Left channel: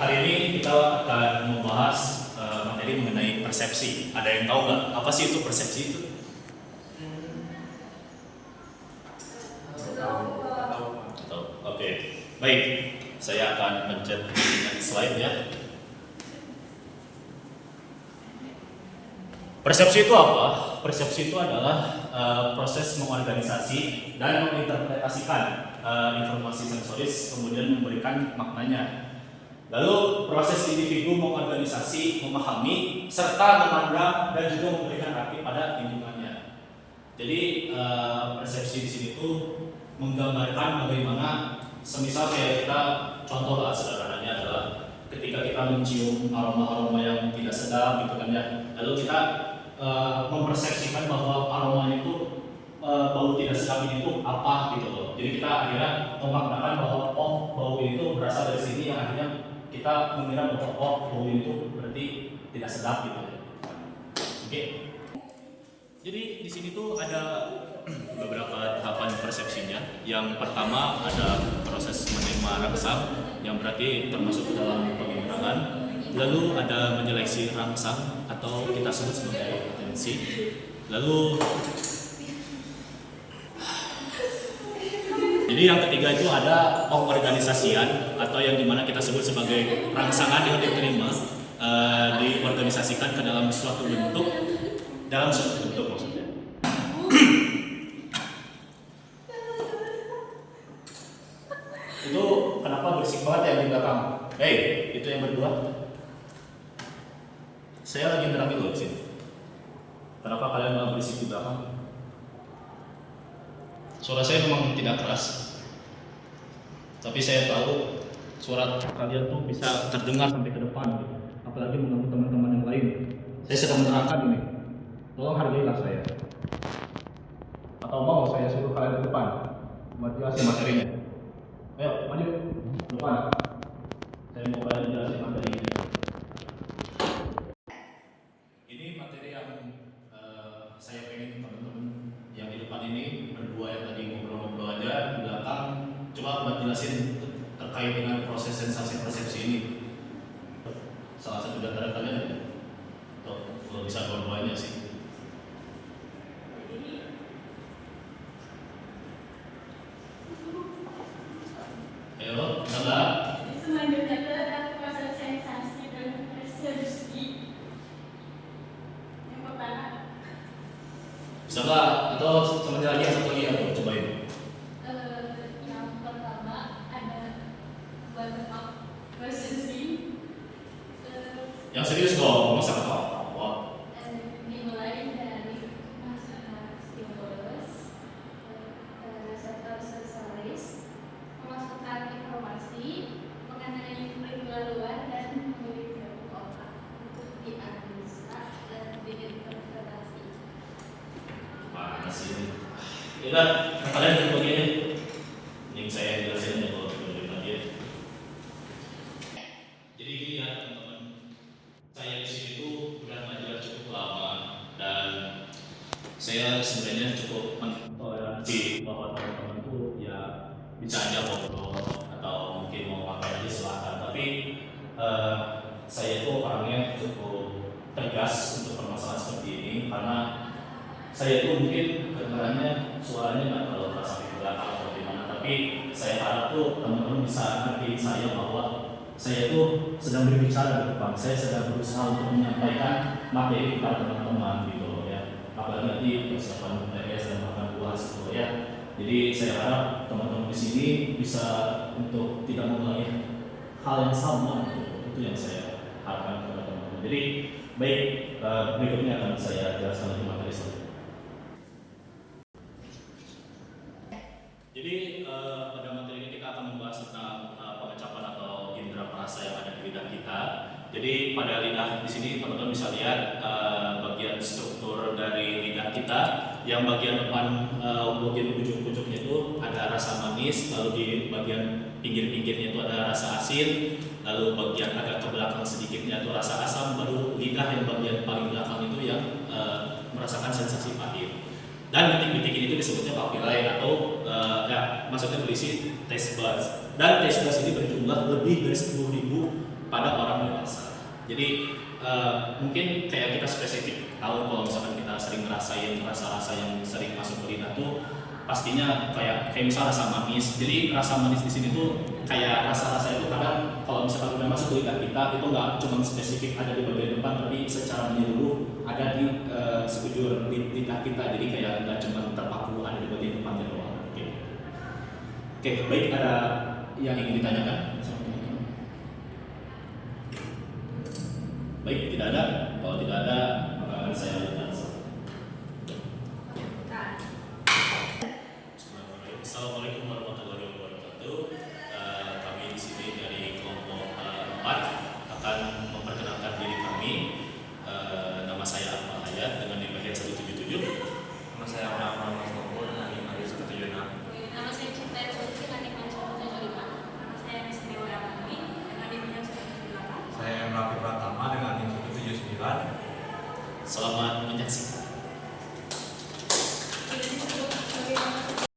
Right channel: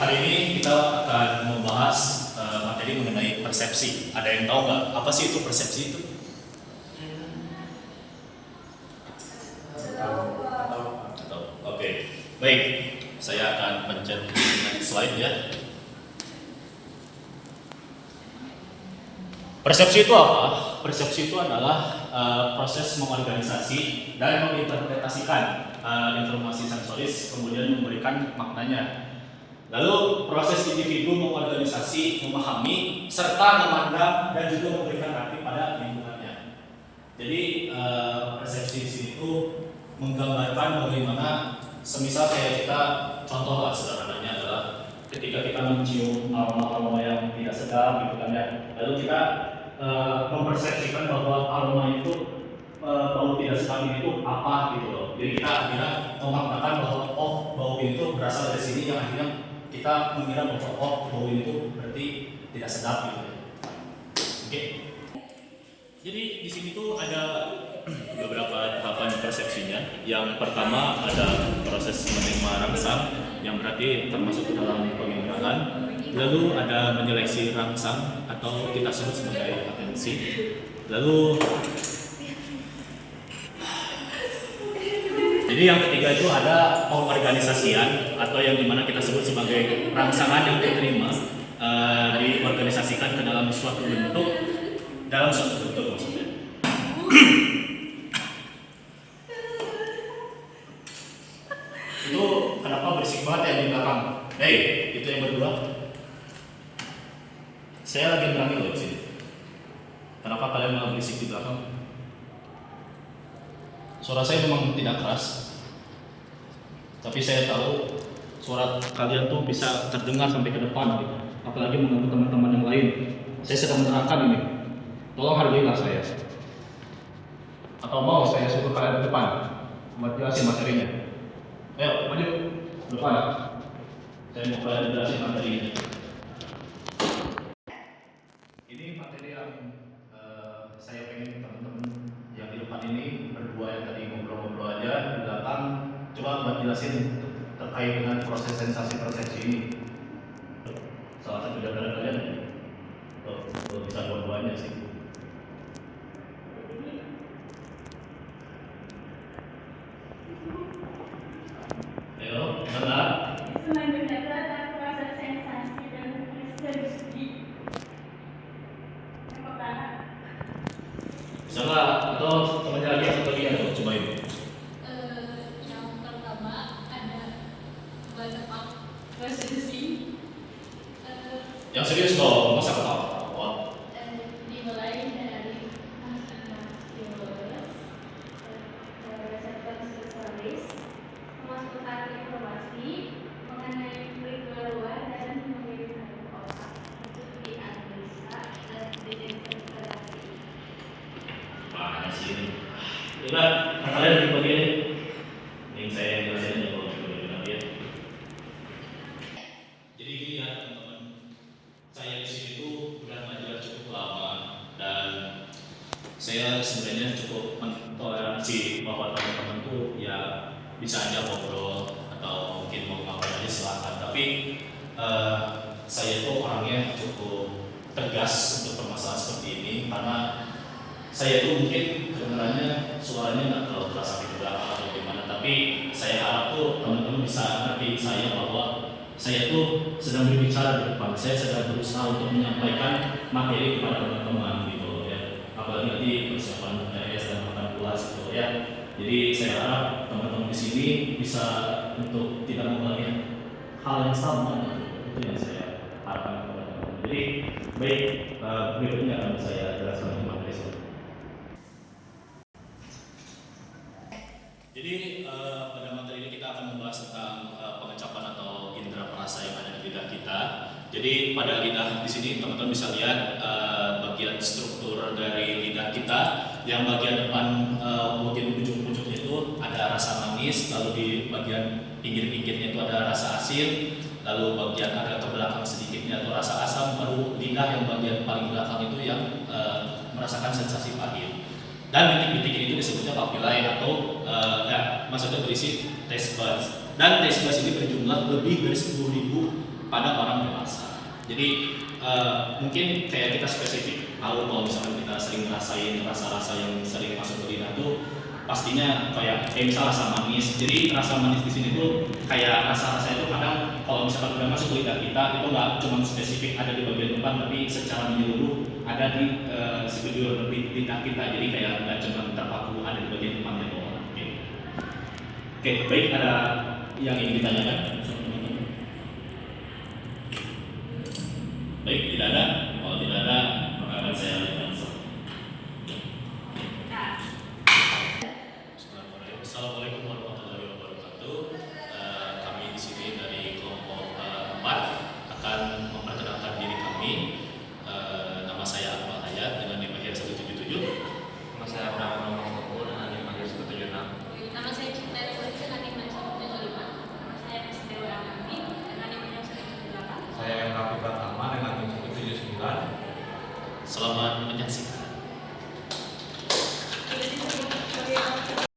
hari ini kita akan membahas materi mengenai persepsi. Ada yang tahu nggak apa sih itu persepsi itu? Tahu. Oke. Baik, saya akan pencet next slide ya. Persepsi itu apa? Persepsi itu adalah proses mengorganisasi dan menginterpretasikan informasi sensoris, kemudian memberikan maknanya. Lalu proses individu mengorganisasi, memahami, serta memandang dan juga memberikan arti pada lingkungannya. Jadi persepsi di sini itu menggambarkan bagaimana, semisal kayak kita contoh lah sederhananya adalah ketika kita mencium aroma-aroma yang tidak sedap gitu kan ya, lalu kita mempersepsikan bahwa aroma itu bau tidak sedap itu apa gitu loh. Jadi kita akhirnya memaknakan bahwa oh bau itu berasal dari sini, yang akhirnya kita mengira bahwa oh bau itu berarti tidak sedap gitu ya. Oke. Jadi di sini tuh ada beberapa tahapan persepsinya. Yang pertama ada proses menerima rangsang, yang berarti termasuk dalam penginderaan. Lalu ada menyeleksi rangsang atau kita sebut sebagai atensi. Lalu jadi yang ketiga itu ada pengorganisasian atau yang dimana kita sebut sebagai rangsangan yang diterima diorganisasikan ke dalam suatu bentuk, maksudnya. Itu kenapa berisik banget yang di belakang? Hey, itu yang berdua. Saya lagi nerangin loh di sini. Kenapa kalian malah berisik di belakang? Suara saya memang tidak keras, tapi saya tahu suara kalian tuh bisa terdengar sampai ke depan gitu. Apalagi mengganggu teman-teman yang lain. Saya sedang menerangkan ini. Tolong hargailah saya. Atau mau saya suruh kalian ke depan buat jelasin materinya. Ayo, maju depan. Saya mau kalian jelasin materinya. Ini materi yang saya pengen teman-teman yang di depan ini berdua yang tadi ngobrol-ngobrol aja, di belakang coba buat jelasin terkait dengan proses sensasi persepsi ini. Salah satu di antara kalian tuh bisa dua-duanya sih. Ayo, dengar. Selanjutnya adalah proses sensasi dan persepsi. Yang pertama. Bisa nggak? Atau sama lagi atau lihat tuh cobain. Yang pertama ada bottom persepsi. Yang serius dong, masa ketawa? Dimulai dari maksudnya stimulus, reseptor sensoris, memasukkan informasi mengenai lingkungan luar dan mengirim ke otak untuk dianalisa dan diinterpretasi. Mana sih ini? Udah, kalian duduk begini. Ini saya jelasin ya kalau begini nanti ya. Jadi gini ya teman-teman, saya di sini tuh udah belajar cukup lama dan saya sebenarnya cukup mentoleransi bahwa teman-teman tuh ya bisa aja ngobrol atau mungkin mau ngapain aja silakan. Tapi saya tuh orangnya cukup tegas untuk permasalahan seperti ini karena saya tuh mungkin kedengarannya suaranya nggak terlalu terasa di belakang atau gimana, tapi saya harap tuh teman-teman bisa ngerti saya bahwa saya tuh sedang berbicara di depan, saya sedang berusaha untuk menyampaikan materi kepada teman-teman gitu ya. Apalagi nanti persiapan UTS dan makan kelas gitu ya. Jadi saya harap teman-teman di sini bisa untuk tidak mengulangi hal yang sama gitu. Itu yang saya harapkan kepada teman-teman. Jadi baik, berikutnya akan saya jelaskan untuk materi saya. Jadi pada materi ini kita akan membahas tentang pengecapan atau indera perasa yang ada di lidah kita. Jadi pada lidah di sini teman-teman bisa lihat bagian struktur dari lidah kita. Yang bagian depan bagian ujung-ujungnya itu ada rasa manis, lalu di bagian pinggir-pinggirnya itu ada rasa asin, lalu bagian agak ke belakang sedikitnya itu rasa asam, baru lidah yang bagian paling belakang itu yang merasakan sensasi pahit. Dan bintik-bintik itu disebutnya papillae atau maksudnya berisi taste buds. Dan taste buds ini berjumlah lebih dari 10.000 pada orang dewasa. Jadi mungkin kayak kita spesifik tahu kalau misalkan kita sering ngerasain rasa-rasa yang sering masuk ke lidah tuh pastinya kayak misal rasa manis. Jadi rasa manis di sini tuh kayak rasa-rasa itu kadang kalau misalkan udah masuk ke lidah kita itu nggak cuma spesifik ada di bagian depan, tapi secara menyeluruh ada di sekujur lidah kita. Jadi kayak nggak cuma terpaku ada di bagian depannya doang. Oke, baik, ada yang ingin ditanyakan sama teman-teman? Baik, tidak ada. Kalau tidak ada, maka akan saya lanjutkan. Assalamualaikum warahmatullahi wabarakatuh. Kami di sini dari kelompok 4 akan memperkenalkan diri kami. Nama saya Akmal Hayat dengan NIM 177. Nama saya Abraham Rahmat Toko dengan NIM 176. Nama saya Cinta Ewati dengan NIM 175. Nama saya Nesa Dewa Amani dengan NIM 178. Saya M. Rafi Pratama dengan NIM 179. Selamat menyaksikan.